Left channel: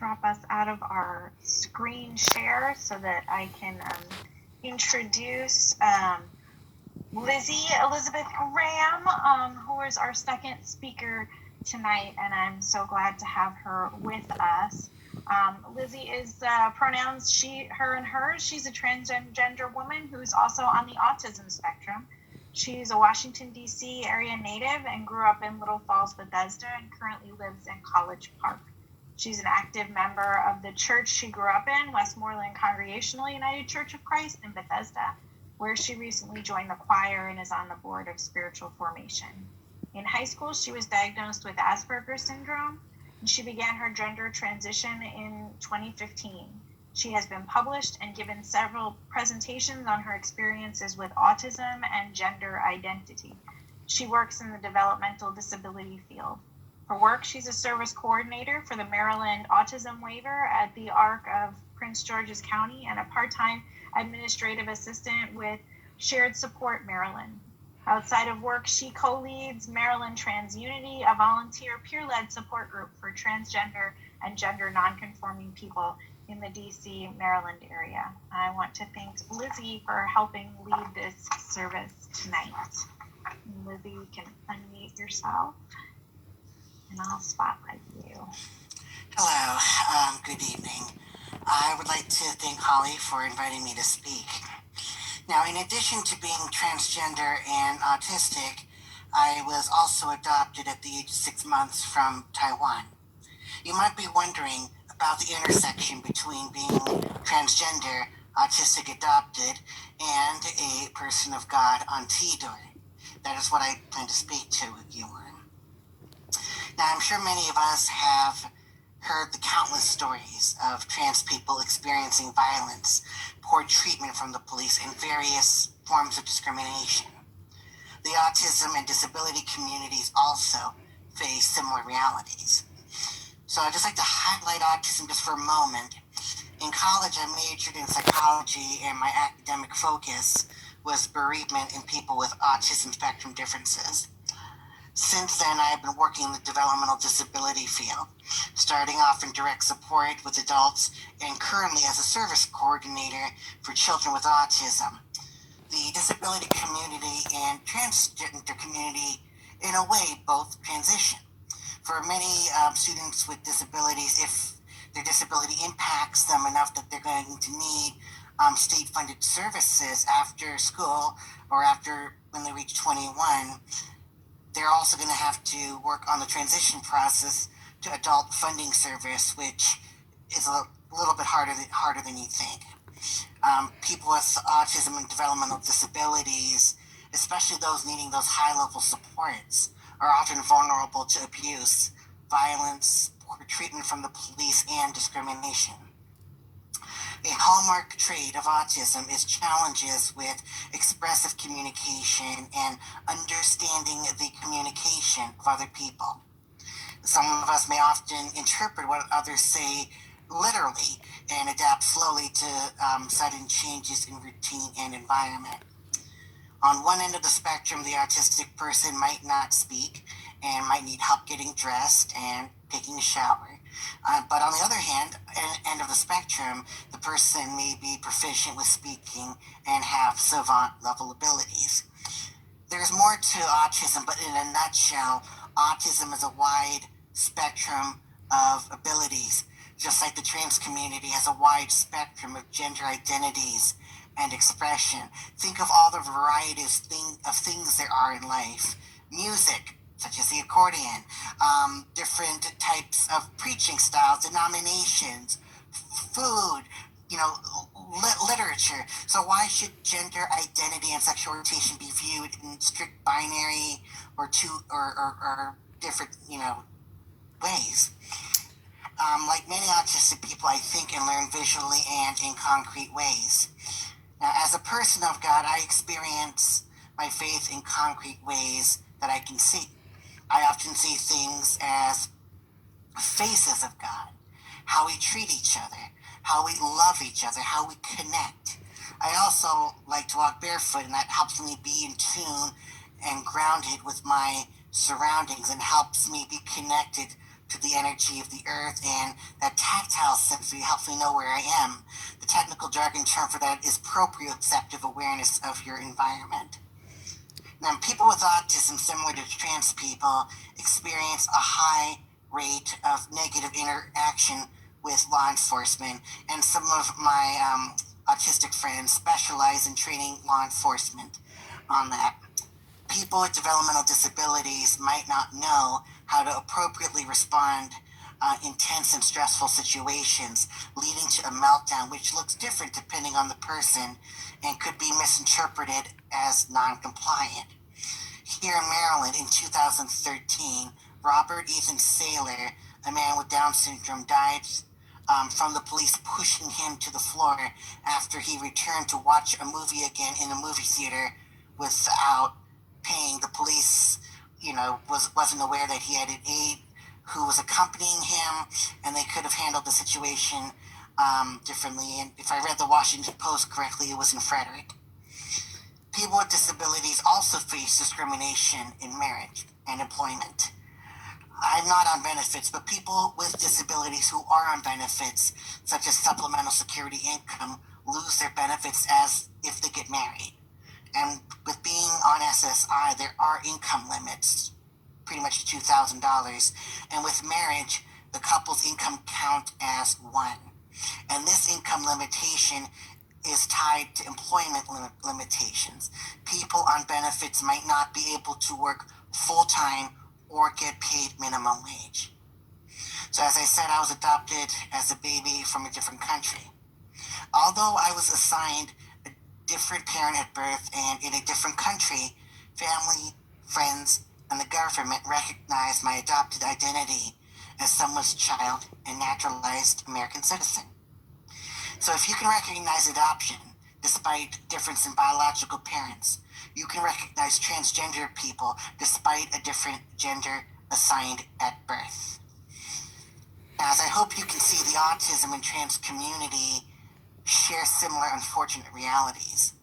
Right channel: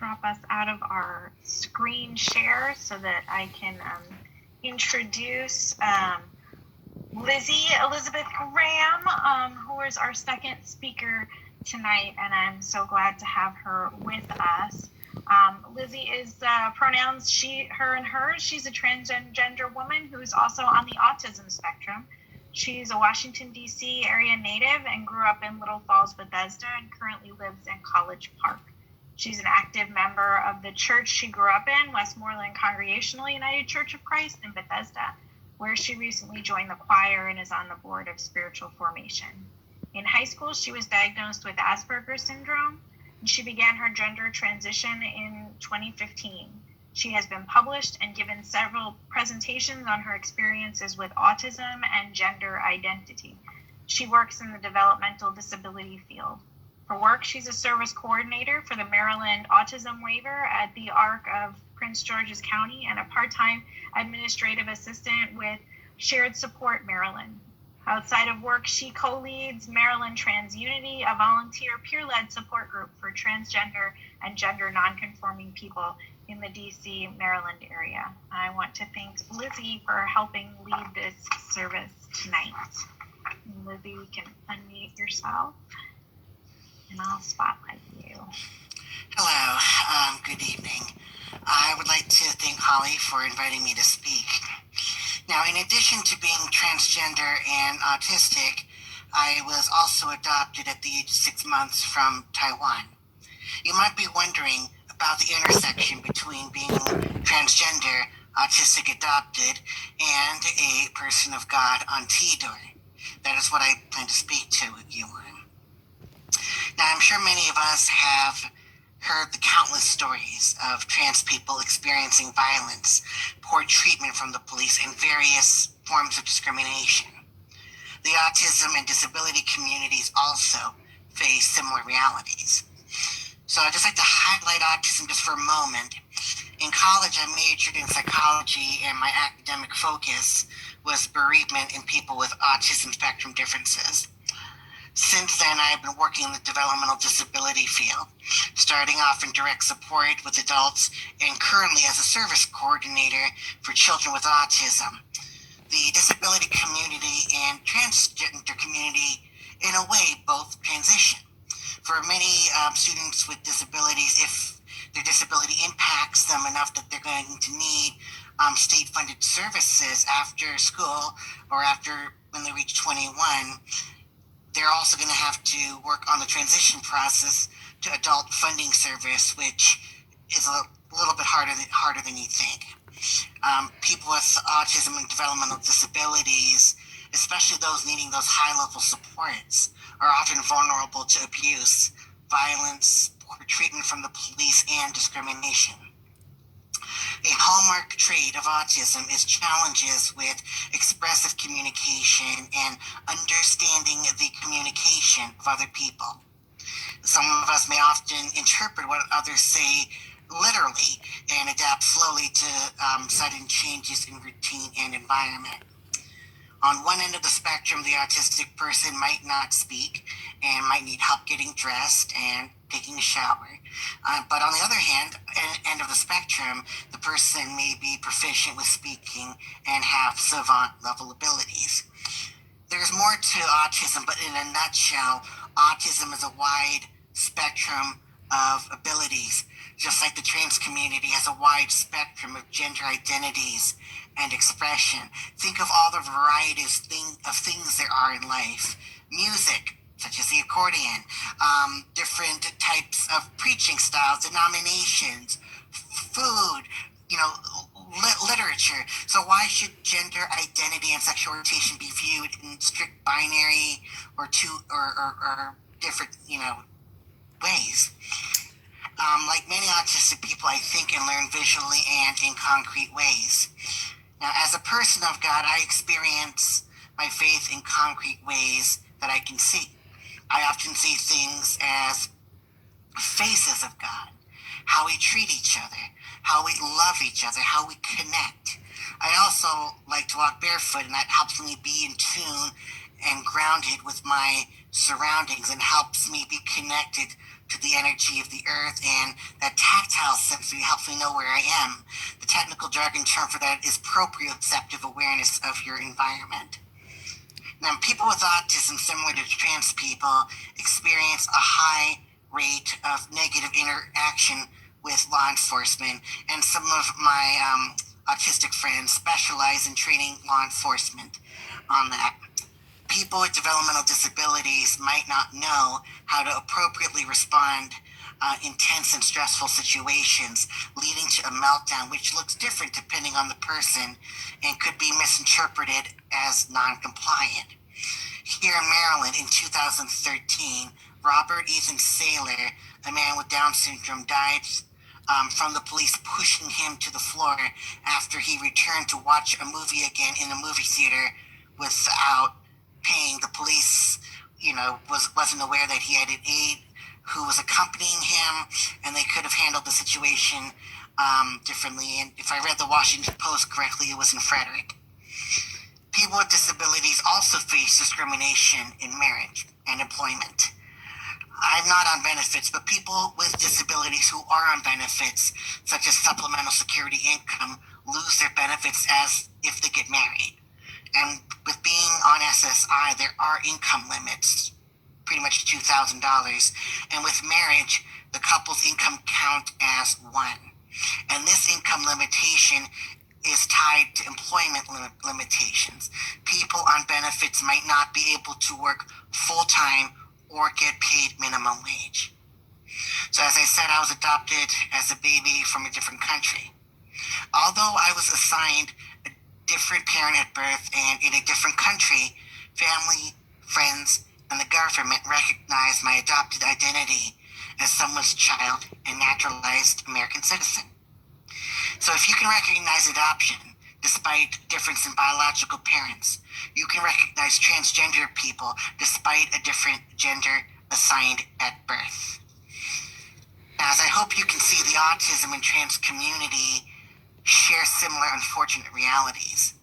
drop us out of our screen share so that I can introduce Lizzie Elizabeth Graham, who is our second speaker tonight, and I'm so glad to have her with us. Lizzie is pronouns she, her, and hers. She's a transgender woman who's also on the autism spectrum. She's a Washington, D.C. area native and grew up in Little Falls, Bethesda, and currently lives in College Park. She's an active member of the church she grew up in, Westmoreland Congregational United Church of Christ in Bethesda, where she recently joined the choir and is on the board of spiritual formation. In high school, she was diagnosed with Asperger's syndrome, and she began her gender transition in 2015. She has been published and given several presentations on her experiences with autism and gender identity. She works in the developmental disability field. For work, she's a service coordinator for the Maryland Autism Waiver at the ARC of Prince George's County and a part-time administrative assistant with Shared Support Maryland. Outside of work, she co-leads Maryland Trans Unity, a volunteer peer-led support group for transgender and gender non-conforming people in the DC, Maryland area. I want to thank Lizzie for helping lead this service tonight. Lizzie, you can unmute yourself and I'll spotlight you. Hello, good evening. I would like to thank Holly for inviting me to speak. Now, in addition to being transgender and autistic, I was also adopted at the age of 6 months from Taiwan. You might be wondering about the intersection between being transgender, autistic adopted, and a person of God on T-Door. That is what I plan to speak to you on. Now, I'm sure many of us have heard the countless stories of trans people experiencing violence, poor treatment from the police, and various forms of discrimination. The autism and disability communities also face similar realities. So I'd just like to highlight autism just for a moment. In college, I majored in psychology, and my academic focus was bereavement in people with autism spectrum differences. Since then, I've been working in the developmental disability field, starting off in direct support with adults and currently as a service coordinator for children with autism. The disability community and transgender community, in a way, both transition. For many students with disabilities, if their disability impacts them enough that they're going to need state-funded services after school or after when they reach 21, they're also going to have to work on the transition process to adult funding service, which is a little bit harder than you think. People with autism and developmental disabilities, especially those needing those high-level supports, are often vulnerable to abuse, violence, poor treatment from the police, and discrimination. A hallmark trait of autism is challenges with expressive communication and understanding the communication of other people. Some of us may often interpret what others say literally and adapt slowly to sudden changes in routine and environment. On one end of the spectrum, the autistic person might not speak and might need help getting dressed and taking a shower. But on the other hand, end of the spectrum, the person may be proficient with speaking and have savant level abilities. There's more to autism, but in a nutshell, autism is a wide spectrum of abilities, just like the trans community has a wide spectrum of gender identities and expression. Think of all the varieties of things there are in life. Music, such as the accordion, different types of preaching styles, denominations, food, literature. So why should gender identity and sexual orientation be viewed in strict binary or different, ways? Like many autistic people, I think and learn visually and in concrete ways. Now, as a person of God, I experience my faith in concrete ways that I can see. I often see things as faces of God, how we treat each other, how we love each other, how we connect. I also like to walk barefoot, and that helps me be in tune and grounded with my surroundings and helps me be connected to the energy of the earth, and that tactile sensory helps me know where I am. The technical jargon term for that is proprioceptive awareness of your environment. Now, people with autism, similar to trans people, experience a high rate of negative interaction with law enforcement, and some of my autistic friends specialize in training law enforcement on that. People with developmental disabilities might not know how to appropriately respond in tense and stressful situations, leading to a meltdown, which looks different depending on the person and could be misinterpreted as non-compliant. Here in Maryland in 2013, Robert Ethan Saylor, a man with Down syndrome, died from the police pushing him to the floor after he returned to watch a movie again in a movie theater without paying. The police, wasn't aware that he had an aide who was accompanying him, and they could have handled the situation differently. And if I read the Washington Post correctly, it was in Frederick. People with disabilities also face discrimination in marriage and employment. I'm not on benefits, but people with disabilities who are on benefits, such as supplemental security income, lose their benefits as if they get married. And with being on SSI, there are income limits, pretty much $2,000. And with marriage, the couple's income count as one. And this income limitation is tied to employment limitations. People on benefits might not be able to work full-time or get paid minimum wage. So as I said, I was adopted as a baby from a different country. Although I was assigned a different parent at birth and in a different country, family, friends, and the government recognized my adopted identity as someone's child and naturalized American citizen. So if you can recognize adoption, despite difference in biological parents, you can recognize transgender people despite a different gender assigned at birth. Now, as I hope you can see, the autism and trans community share similar unfortunate realities.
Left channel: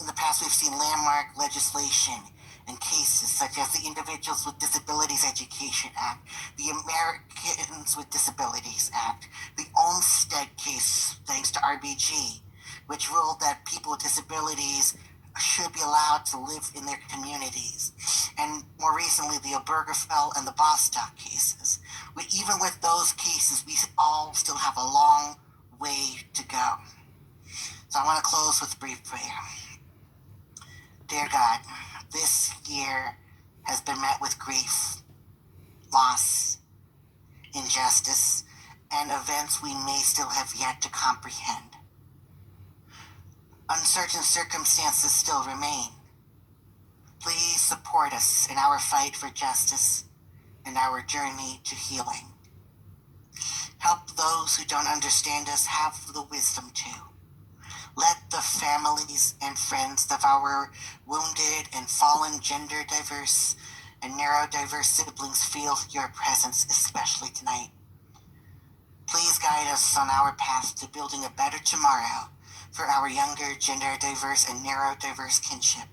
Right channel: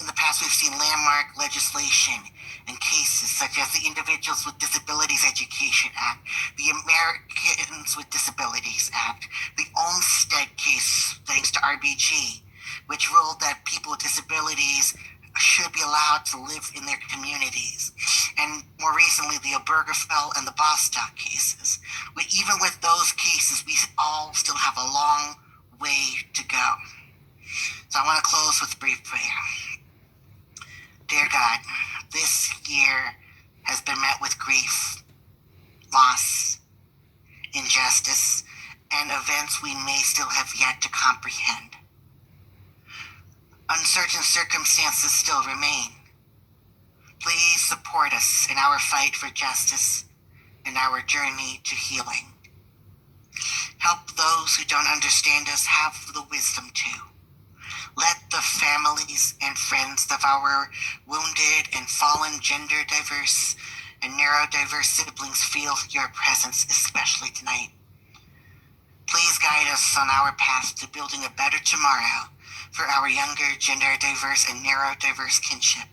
In the past, we've seen landmark legislation and cases such as the Individuals with Disabilities Education Act, the Americans with Disabilities Act, the Olmstead case, thanks to RBG, which ruled that people with disabilities should be allowed to live in their communities. And more recently, the Obergefell and the Bostock cases. Even with those cases, we all still have a long way to go. So I want to close with a brief prayer. Dear God, this year has been met with grief, loss, injustice, and events we may still have yet to comprehend. Uncertain circumstances still remain. Please support us in our fight for justice and our journey to healing. Help those who don't understand us have the wisdom to. Let the families and friends of our wounded and fallen gender diverse and neurodiverse siblings feel your presence, especially tonight. Please guide us on our path to building a better tomorrow for our younger gender diverse and neurodiverse kinship.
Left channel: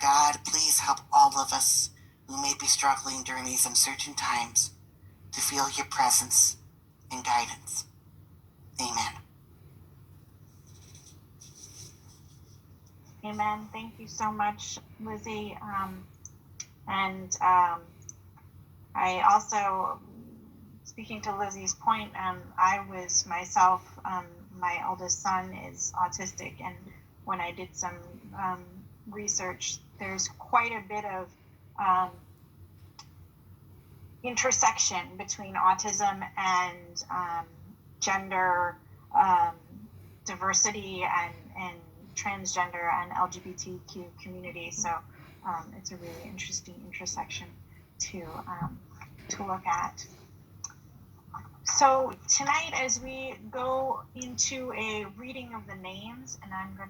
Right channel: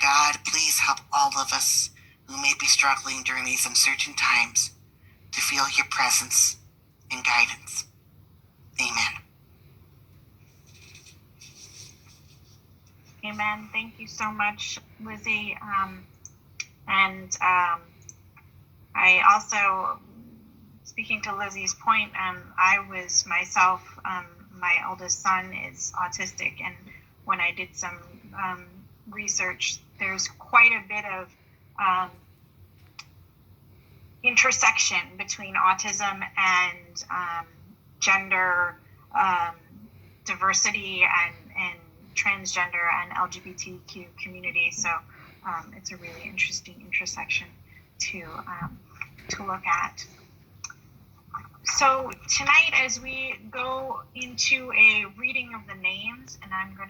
God, please help all of us who may be struggling during these uncertain times to feel your presence and guidance. Amen. Amen. Thank you so much, Lizzie. I also, speaking to Lizzie's point, I was myself, my eldest son is autistic, and when I did some research, there's quite a bit of intersection between autism and gender diversity and transgender and LGBTQ community. So it's a really interesting intersection to look at. So tonight, as we go into a reading of the names, and I'm going to